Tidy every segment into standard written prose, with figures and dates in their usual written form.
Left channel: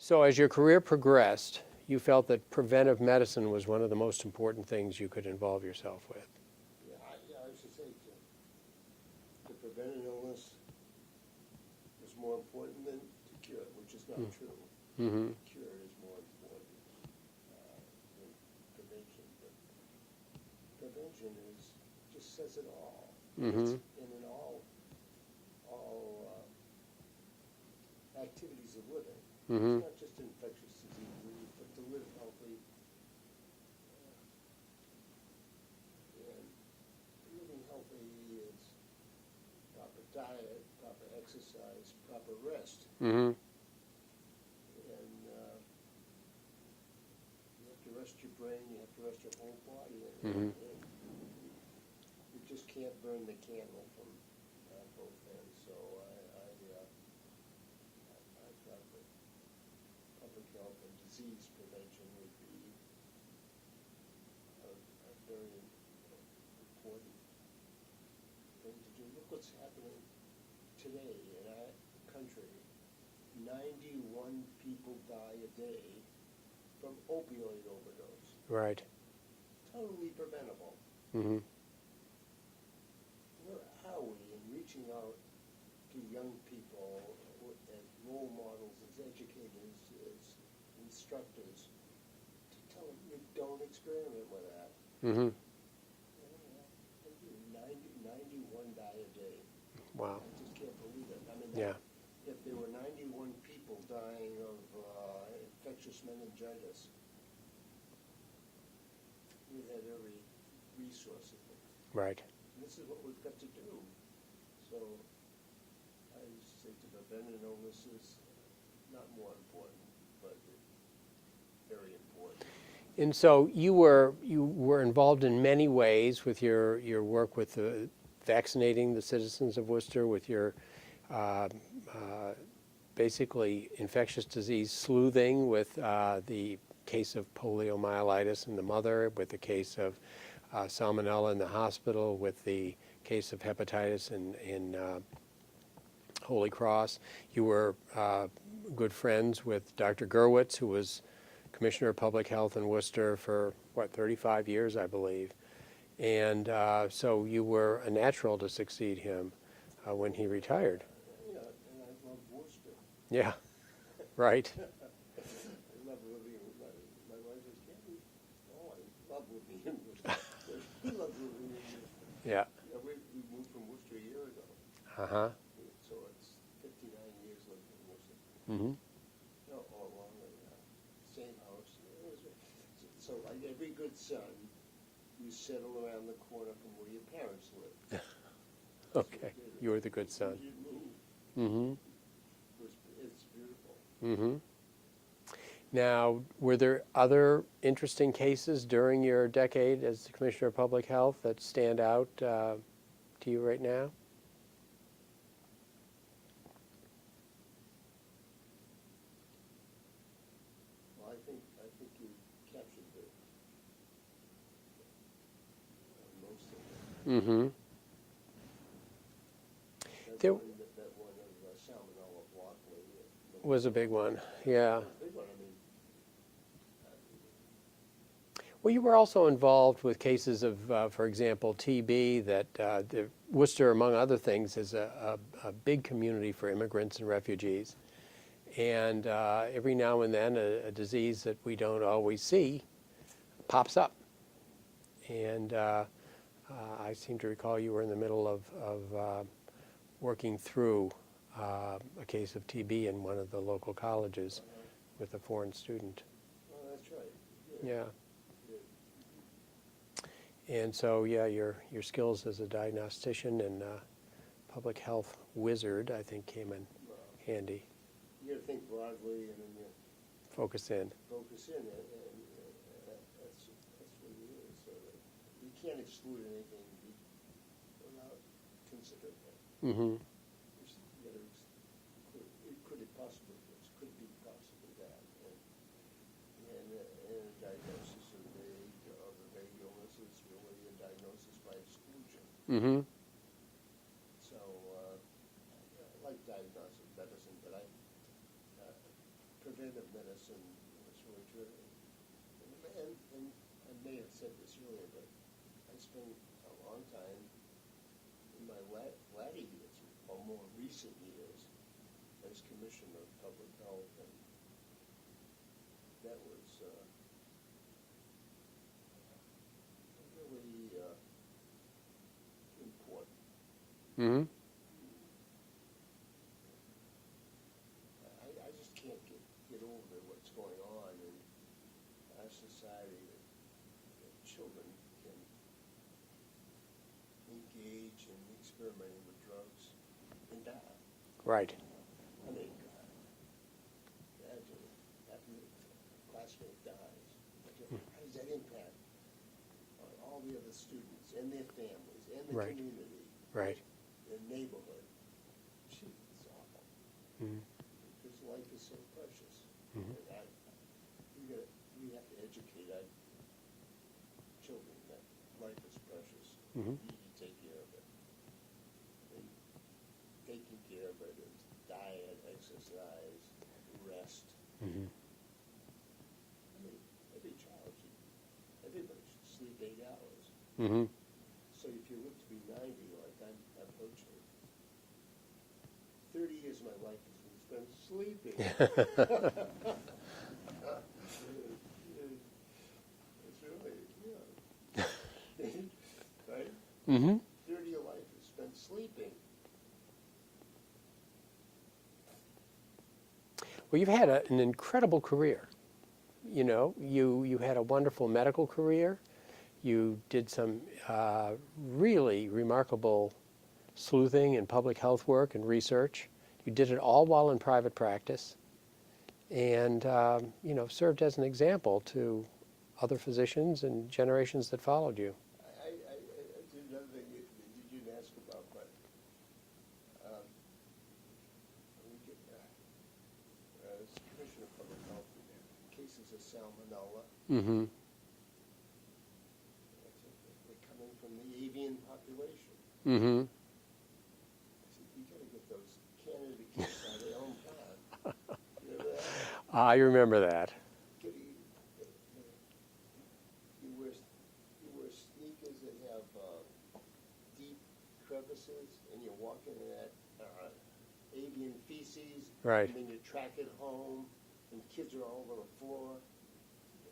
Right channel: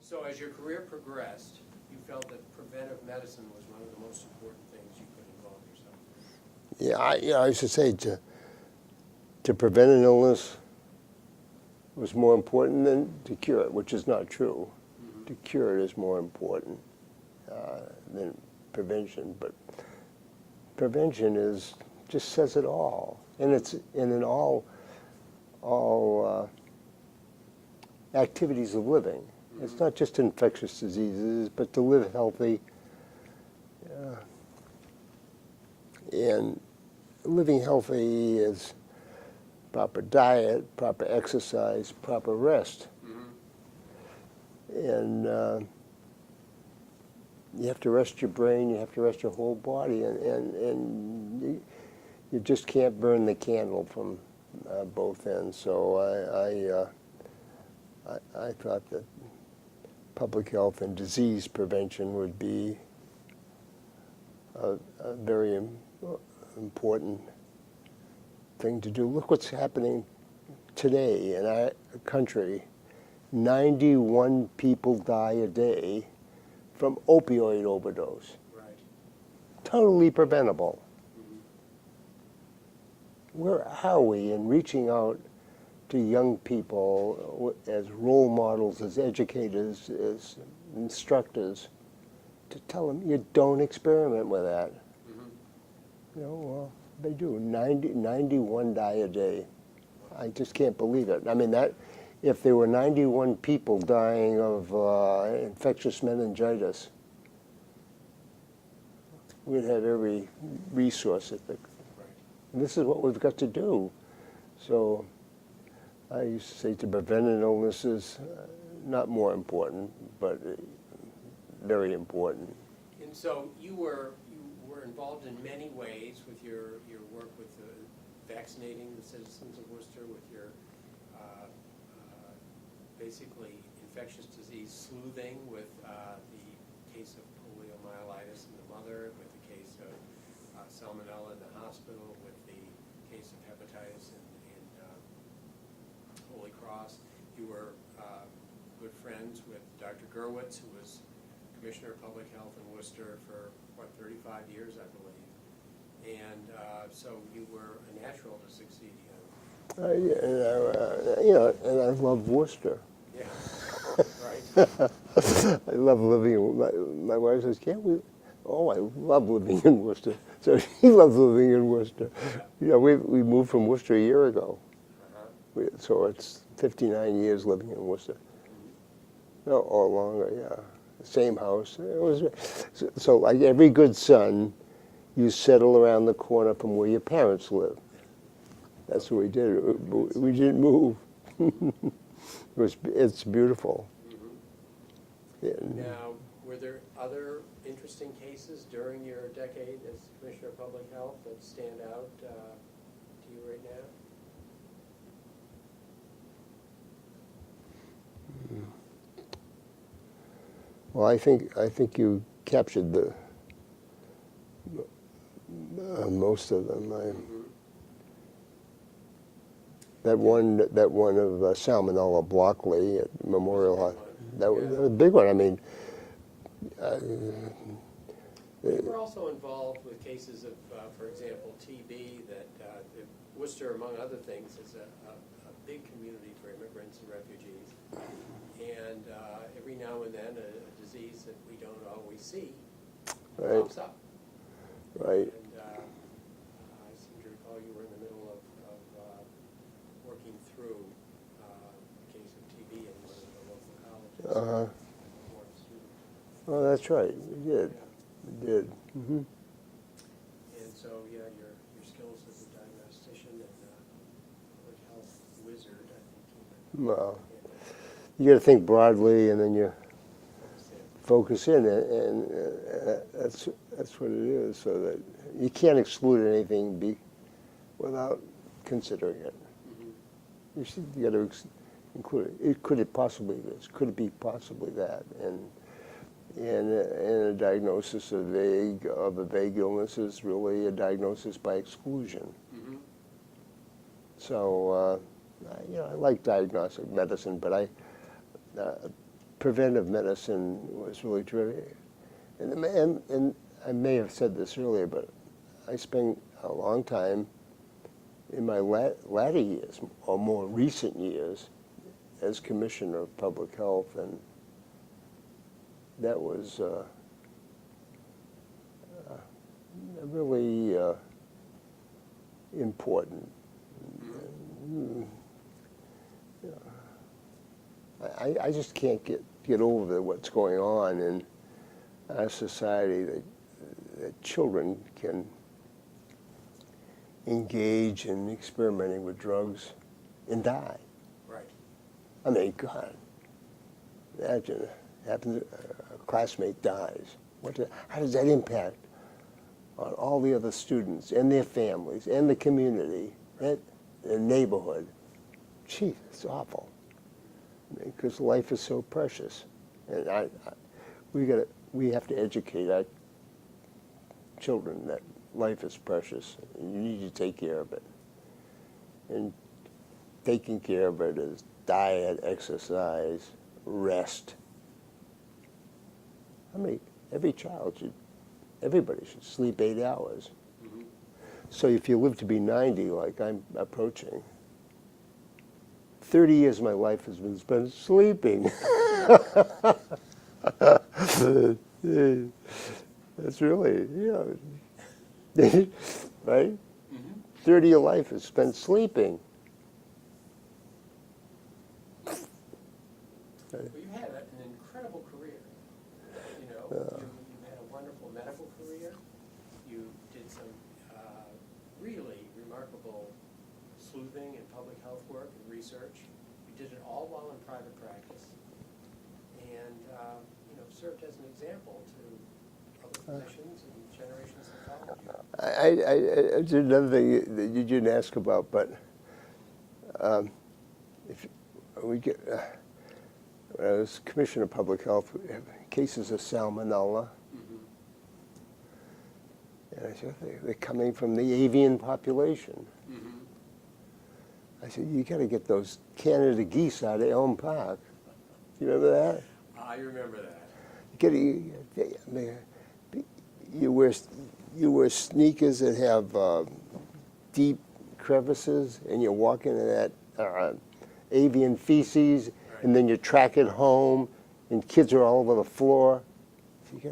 So as your career progressed, you felt that preventive medicine was one of the most important things you could involve yourself with. Yeah, I used to say to prevent an illness was more important than to cure it, which is not true. Mm-hmm. To cure it is more important than prevention, but prevention just says it all, and it's in all activities of living. It's not just infectious diseases, but to live healthy and living healthy is proper diet, proper exercise, proper rest. Mm-hmm. And you have to rest your brain, you have to rest your whole body, and you just can't burn the candle from both ends. So I thought that public health and disease prevention would be a very important thing to do. Look what's happening today in our country. 91 people die a day from opioid overdose. Right. Totally preventable. Mm-hmm. Where are we in reaching out to young people as role models, as educators, as instructors, to tell them you don't experiment with that? Mm-hmm. You know, well, they do. 91 die a day. Wow. I just can't believe it. I mean, that. Yeah. If there were 91 people dying of infectious meningitis, we'd have every resource at the. Right. And this is what we've got to do. So I used to say to prevent an illness is not more important, but very important. And so you were involved in many ways with your work with vaccinating the citizens of Worcester, with your basically infectious disease sleuthing, with the case of poliomyelitis in the mother, with the case of salmonella in the hospital, with the case of hepatitis in Holy Cross. You were good friends with Dr. Gerwitz, who was Commissioner of Public Health in Worcester for, 35 years, I believe. And so you were a natural to succeed him when he retired. And I love Worcester. Yeah, right. I love living. My wife says, "Can't we?" Oh, I love living in Worcester. So he loves living in Worcester. Yeah. You know, we moved from Worcester a year ago. Uh-huh. So it's 59 years living in Worcester. Mm-hmm. No, or longer, yeah. Same house. It was so like every good son, you settle around the corner from where your parents live. That's Okay. what we did. You were the good son. We didn't move. Mm-hmm. It's beautiful. Mm-hmm. Yeah. Now, were there other interesting cases during your decade as Commissioner of Public Health that stand out to you right now? Well, I think you captured the most of them. Mm-hmm. That one of Salmonella Blockley at Memorial. Was a big one. That Yeah. was a big one. I mean, Well, you were also involved with cases of, for example, TB, that Worcester, among other things, is a big community for immigrants and refugees. And every now and then, a disease that we don't always see pops up. Right. And I seem to recall you were in the middle of working through a case of TB in one of the local colleges with a foreign student. Oh, that's right. We did. Yeah. We did. Mm-hmm. And so, yeah, your skills as a diagnostician and public health wizard, I think, came in Well, handy. you got to think broadly, and then you Focus in. focus in, and that's what it is. So that you can't exclude anything without considering it. Mm-hmm. You got to include it. Could it possibly this? Could it be possibly that? And a diagnosis of a vague illness is really a diagnosis by exclusion. Mm-hmm. So I like diagnostic medicine, but preventive medicine was really terrific. And I may have said this earlier, but I spent a long time in my latter years, or more recent years, as Commissioner of Public Health, and that was really important. Mm-hmm. I just can't get over what's going on in our society, that children can engage in experimenting with drugs and die. Right. I mean, God, imagine happens, a classmate dies. How does that impact on all the other students and their families and the community, Right. and the neighborhood? Gee, it's awful. Because life is so precious, and we have to educate our children that life is precious, and you need to take care of it. And taking care of it is diet, exercise, rest. I mean, everybody should sleep 8 hours. Mm-hmm. So if you live to be 90, like I'm approaching, 30 years of my life has been spent sleeping. That's really, right? Mm-hmm. 30 of your life is spent sleeping. Well, you've had an incredible career. You know, you had a wonderful medical career. You did some really remarkable sleuthing and public health work and research. You did it all while in private practice, and served as an example to other physicians and generations that followed you. I did another thing that you didn't ask about, but if we get, when I was Commissioner of Public Health, we have cases of salmonella. Mm-hmm. And I said, they're coming from the avian population. Mm-hmm. I said, you got to get those Canada geese out of Elm Park. You remember that? I remember that. You wear sneakers that have deep crevices, and you're walking in that avian feces, Right. and then you track it home, and kids are all over the floor. So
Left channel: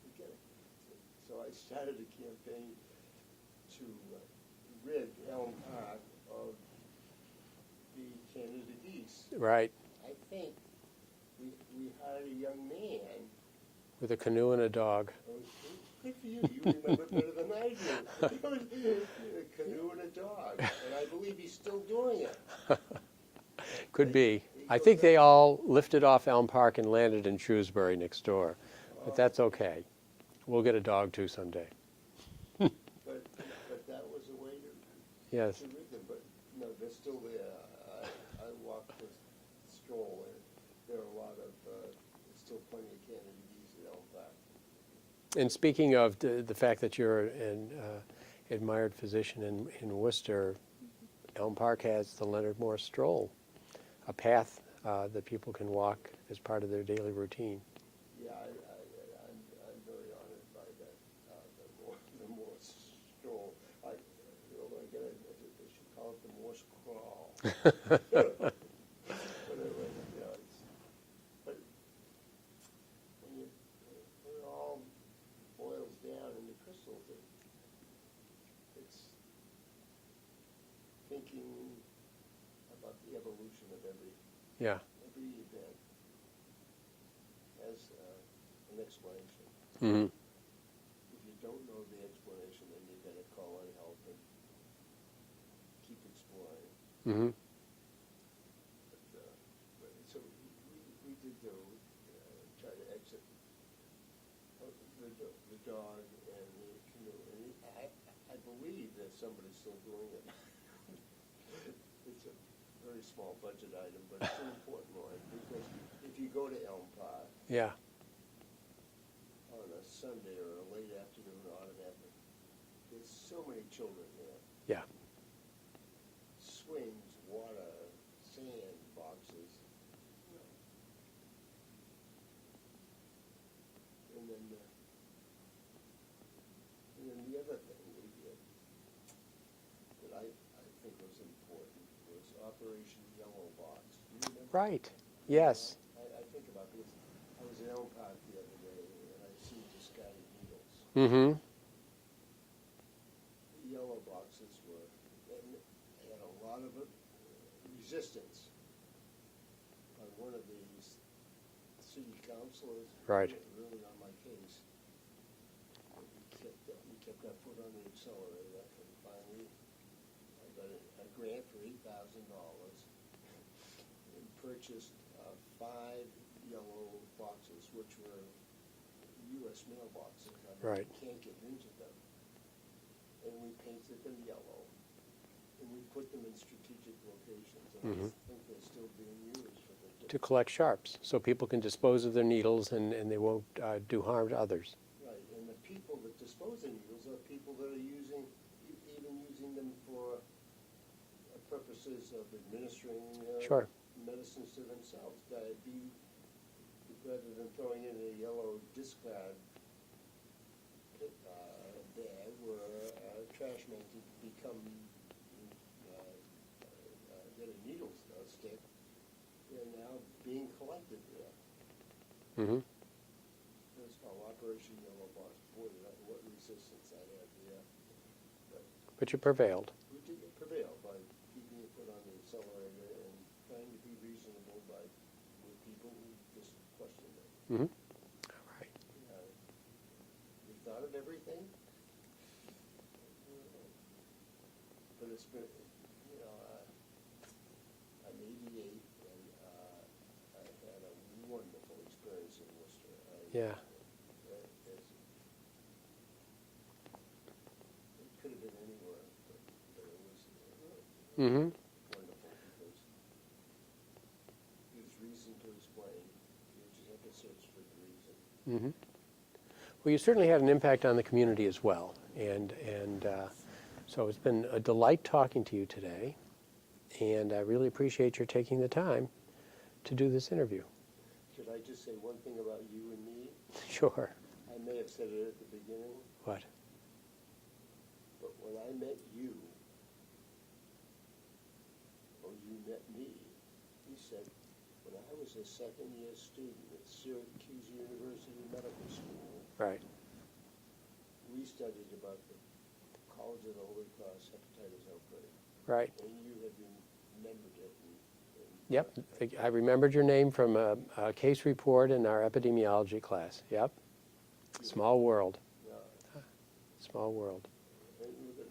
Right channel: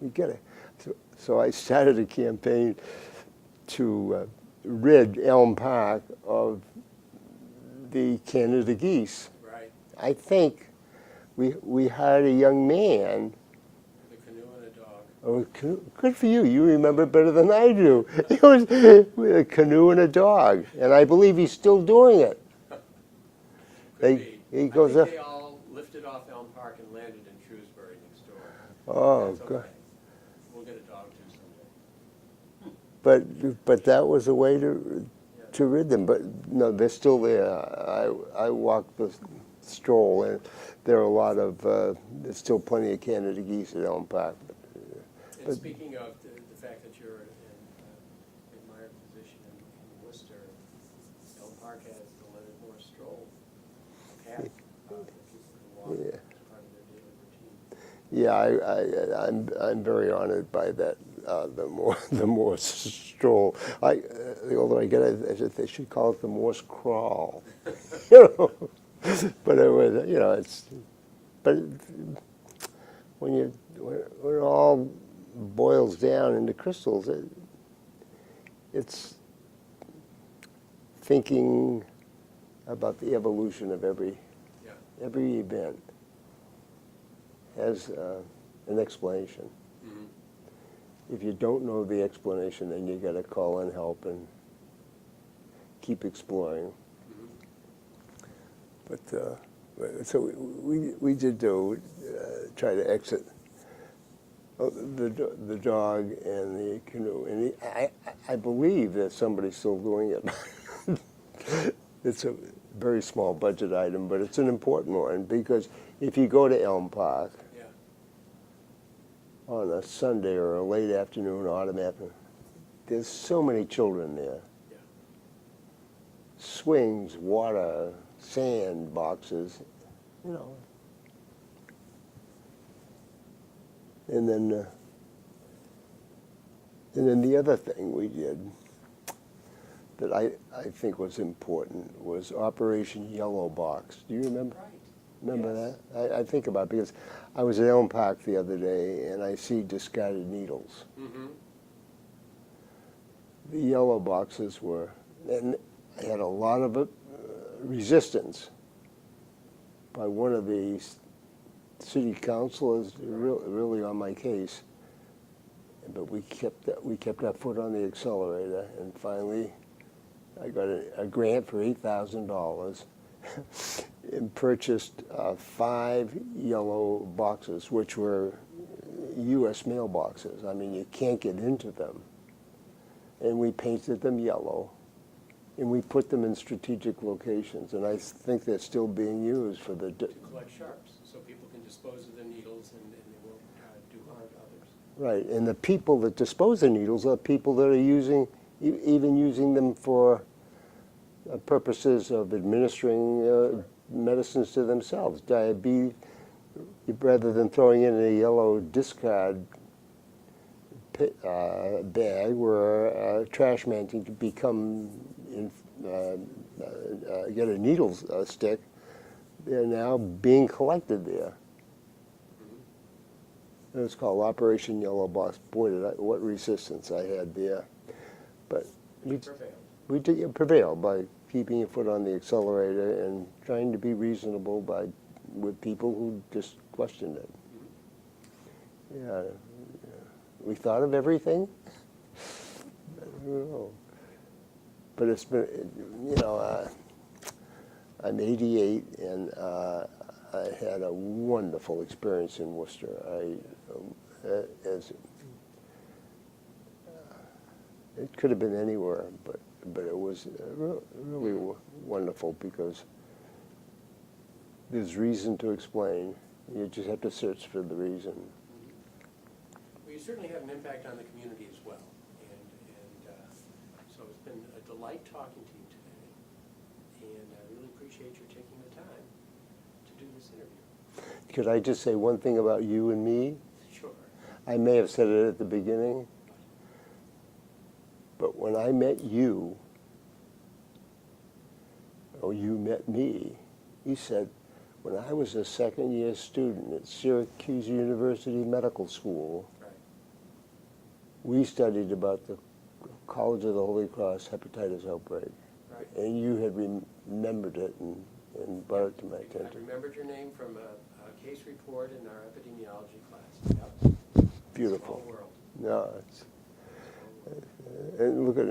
you got to. So I started a campaign to rid Elm Park of the Canada geese. Right. I think we hired a young man. With a canoe and a dog. Oh, good for you. You remember it better than I do. It was with a canoe and a dog, and I believe he's still doing it. Could be. he I goes think up- they all lifted off Elm Park and landed in Shrewsbury next door. Oh, That's good. okay. We'll get a dog too someday. But that was a way Yes. to rid them. But no, they're still there. I walked the stroll, and there are a lot of there's still plenty of Canada geese at Elm Park. And speaking of the fact that you're an admired physician in Worcester, Elm Park has the Leonard Morse stroll, a path that people can walk as part of their daily routine. Yeah, I'm very honored by that. The Morse stroll. Although I get it, they should call it the Morse crawl. But it was, it's. But when it all boils down into crystals, it's thinking about the evolution of every event has an explanation. Mm-hmm. If you don't know the explanation, then you got to call in help and keep exploring. Mm-hmm. But so we did try to exit the dog and the canoe, and I believe that somebody's still doing it. It's a very small budget item, but it's an important one, because if you go to Elm Park on a Sunday or a late afternoon, autumn afternoon, there's so many children there. Yeah. Swings, water, sand boxes, And then the other thing we did that I think was important was Operation Yellow Box. Do you remember? Right. Remember Yes. that? I think about it because I was at Elm Park the other day and I see discarded needles. Mm-hmm. The yellow boxes were, and I had a lot of resistance by one of the city councilors, Right. really on my case. But we kept our foot on the accelerator, and finally I got a grant for $8,000 and purchased 5 yellow boxes, which were U.S. mailboxes. I mean, you Right. can't get into them. And we painted them yellow, and we put them in strategic locations. And I think they're still being used for the... To collect sharps, so people can dispose of their needles and they won't do harm to others. Right, and the people that dispose of needles are people that are even using them for purposes of administering Sure. medicines to themselves. Diabetes, rather than throwing in a yellow discard bag where a trash man can get a needle stick, they're now being collected there. Mm-hmm. It was called Operation Yellow Box. Boy, what resistance I had there. But you prevailed. we did prevail by keeping your foot on the accelerator and trying to be reasonable with people who just questioned it. Mm-hmm. Yeah, we thought of everything. I don't know. But it's been, I'm 88 and I had a wonderful experience in Worcester. It could have been anywhere, but it was really wonderful because there's reason to explain. You just have to search for the reason. Mm-hmm. Well, you certainly had an impact on the community as well, and so it's been a delight talking to you today, and I really appreciate your taking the time to do this interview. Could I just say one thing about you and me? Sure. I may have said it at the beginning, What? but when I met you, or you met me, you said, when I was a second-year student at Syracuse University Medical School, Right. we studied about the College of the Holy Cross hepatitis outbreak. Right. And you had remembered it and brought it to my I attention. remembered your name from a case report in our epidemiology class. Yep. Beautiful. Small world. No, it's, Small world. and look at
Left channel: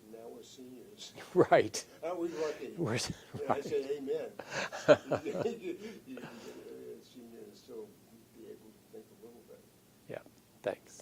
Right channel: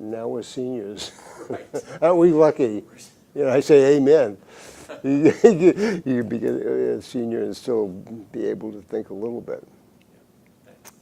now we're seniors. Right. Aren't we lucky? I say amen. You can be a senior and still be able to think a little bit. Yeah. Thanks.